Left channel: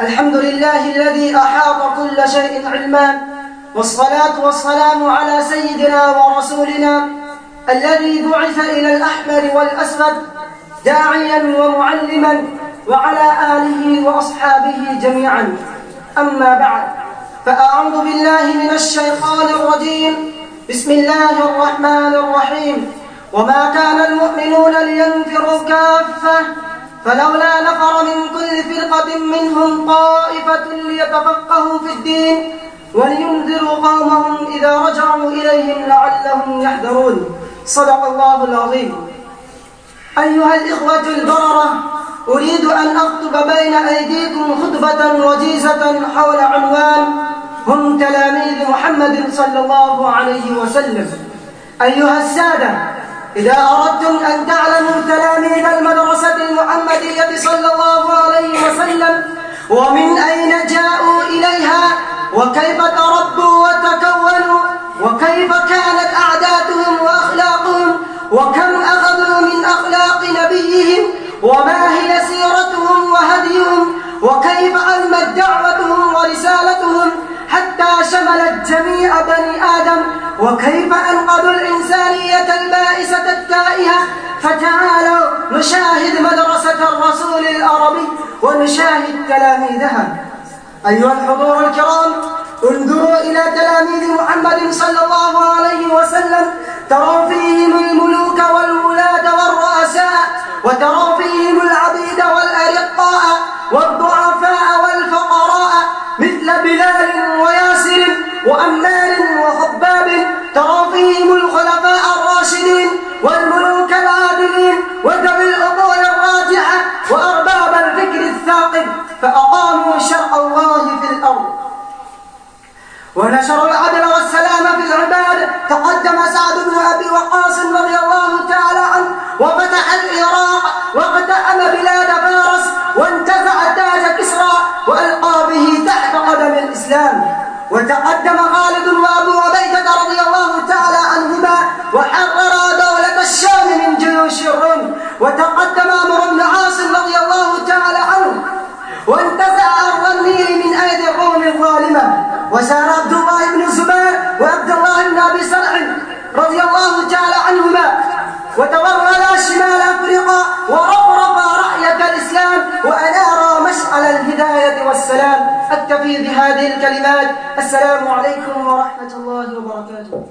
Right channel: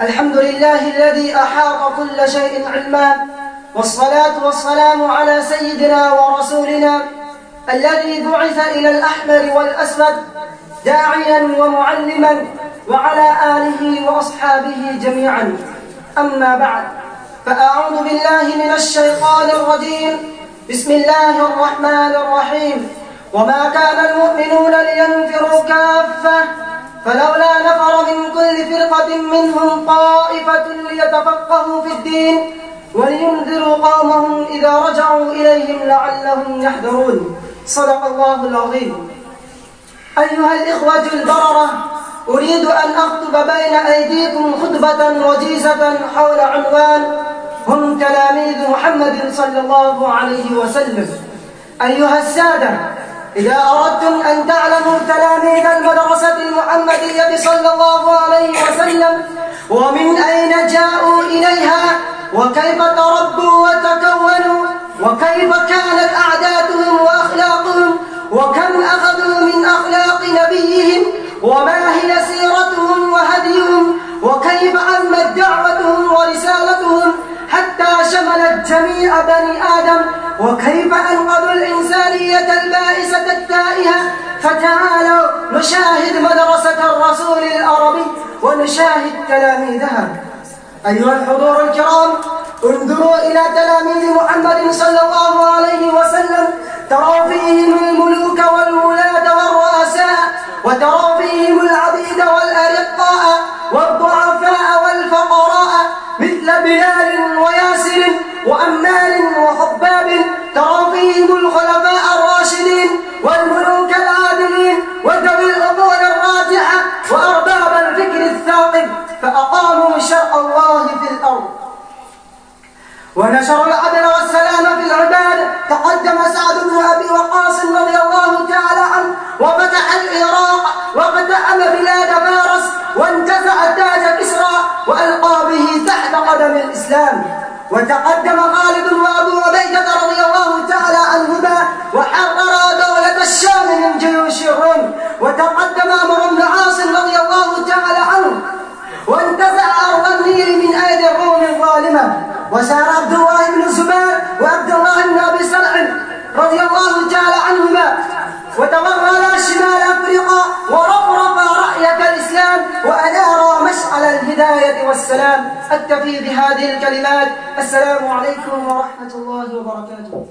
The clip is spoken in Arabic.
الحمد لله الذي أحاط كل شيء علما، والصلاة والسلام على سيدنا ورسولنا الذي بعث إلى الأحمر والأسود داعيا ومعلما، وعلى آله وأصحابه جميعا. أما بعد، فأعوذ بالله من الشيطان الرجيم. بسم الله الرحمن الرحيم. وما كان المؤمنون لينفروا كافة، فلولا نفر من كل فرقة منهم طائفة ليتفقهوا في الدين ولينذروا قومهم إذا رجعوا إليهم لعلهم يحذرون. صدق الله العظيم. أيها الإخوة البررة، أريد أن أخطب بين أيديكم خطبة وجيزة حول عنوان هم تلاميذ محمد صلى الله عليه وسلم. أيها السادة، إذا أردتم أن تعلموا تلاميذ المدرسة المحمدية صلى الله عليه وسلم ومن أين جاءوا إليها وكيف تربوا وتكونوا وكيف كانت عاداتهم وأخلاقهم وكم أخذوا من أخلاق نبيهم وما هي سيرتهم وهديهم وكيف عمت دعوتهم ورسالتهم حتى شملت جميع بني آدم وكيف أنقذوا الإنسانية البائسة التائهة، فتعالوا نشاهد مدرسة الرسول العربي ونشاهد تلاميذها. أيها الحضور الكرام، انظروا إلى تلاميذ محمد صلى الله عليه وسلم، تروا فيهم الملوك والولاة والرؤساء، وتروا فيهم العبيد والأرقاء والضعفاء والفقراء مثل بلال وياسر وأمار وخباب، تروا فيهم الخلفاء الراشدين والملوك العادلين وذوي العقول الراجحة وأرباب الفكر الثاقب، فأقاموا شرع الله في الأرض ونشروا العدل والسلام في العباد. تقدم سعد بن أبي وقاص رضي الله تعالى عنه وفتح العراق وفتأم بلاد فارس وانتزع تاج كسرى وألقى به تحت قدم الإسلام. وتقدم خالد وأبو عبيدة رضي الله تعالى عنهما وحرر دولة الشام من جيوش الروم. وتقدم عمرو بن عاص رضي الله تعالى عنه وانتزع أرض النيل من أيدي الروم الظالمة. وسار عبد الله بن الزبير وعبد الله بن أبي سرع رضي الله تعالى عنهما وتوغل شمال أفريقيا ورفرف رأية الإسلام وأنار مشعل الهداية والسلام. أكتفي بهذه الكلمات. السلام عليكم ورحمة الله وبركاته.